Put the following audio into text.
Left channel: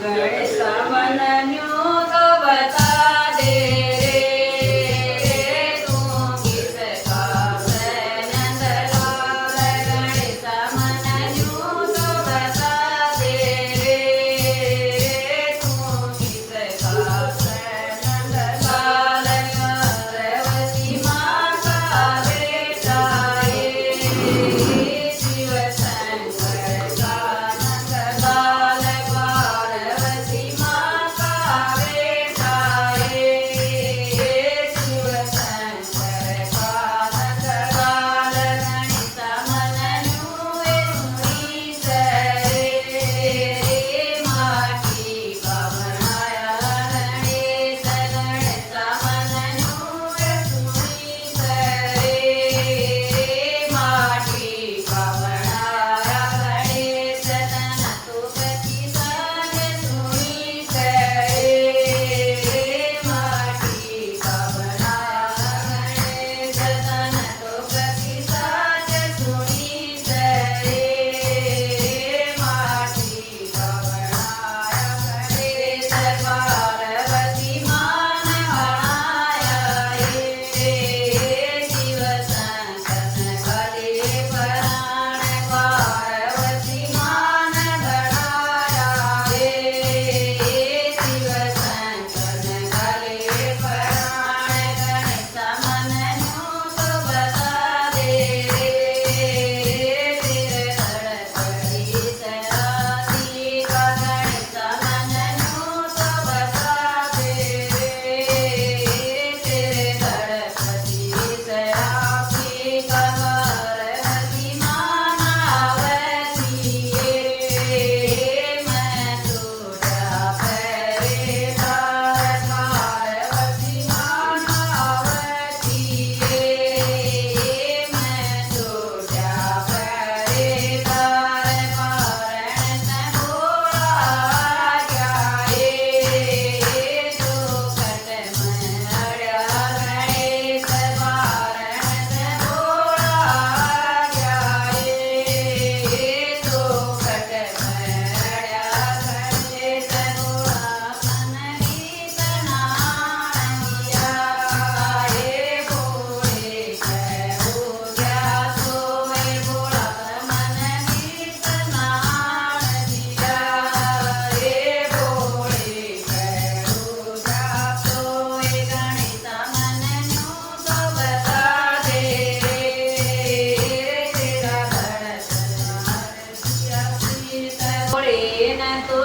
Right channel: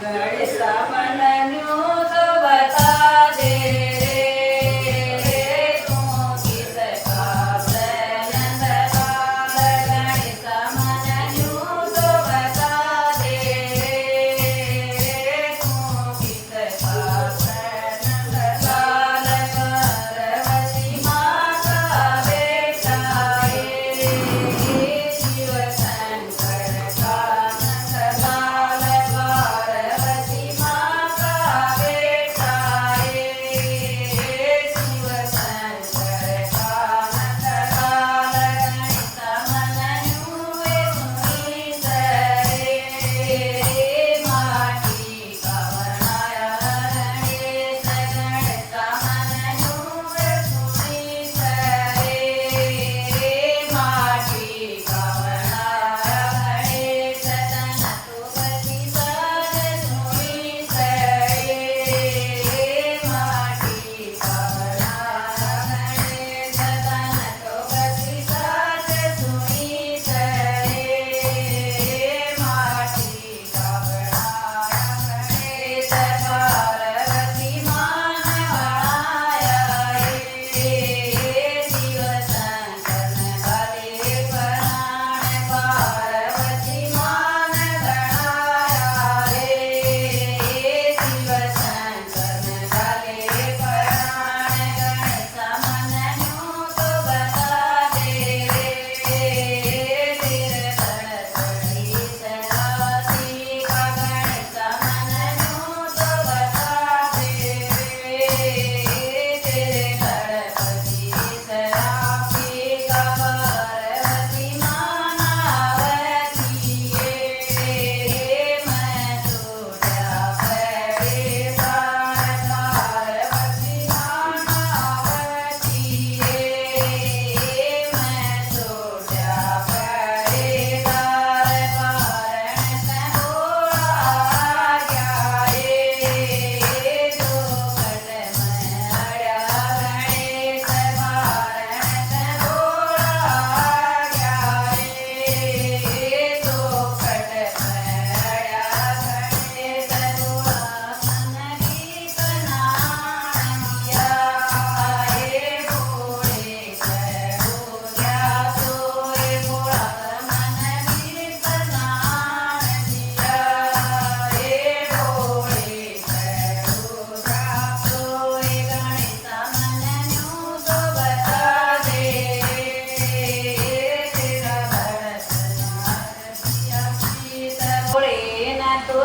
ગણેશ મનન્યું તો બતા દે રે તું ગીત ગાશે નંદલાલ ગણેશ મનન્યું તો બતા દે રે તું ગીત ગાશે નંદલાલ પાર્વતી માતા બેટા શિવ શંકર નંદલાલ પાર્વતી માતા બેટા શિવ શંકર નંદલાલ ગણેશ મનન્યું એ સુની રે માટી કવણાયા ગણેશ ગણેશ મનન્યું એ સુની રે માટી કવણાયા ગણેશ તન તો ગતિ સાજ સુની રે માટી કવણાયા ગણેશ તન તો ગતિ સાજ સુની રે માટી કવણાયા ગણેશ પાર્વતી માન વણાયા શિવ શંકર ગલે પરાણ પાર્વતી માન ગણાયા શિવ શંકર ગલે પરાણ ગણેશ મનન્યું તો બતા દે તેરે ધડકડી સરાતી ગણેશ મનન્યું તો બતા દે તેરે ધડકડી સરાતી પાર્વતી માન આવતી મેં તોડા પરે પાર્વતી માન આવતી મેં તોડા પરે પારણ તબોળા ગયા ચોખટ મેં અડ્યા ગણેશ પારણ તબોળા ગયા ચોખટ મેં અડ્યા ગણેશ ગોળા મન ગીત નાણિયા ભોળે બોલ્યા સોએ ભોળા મન ગીત નાણિયા ભોળે બોલ્યા સોએ ગણેશ મનન્યું તો બતા દે તેરા ભરત ભોળે ના તો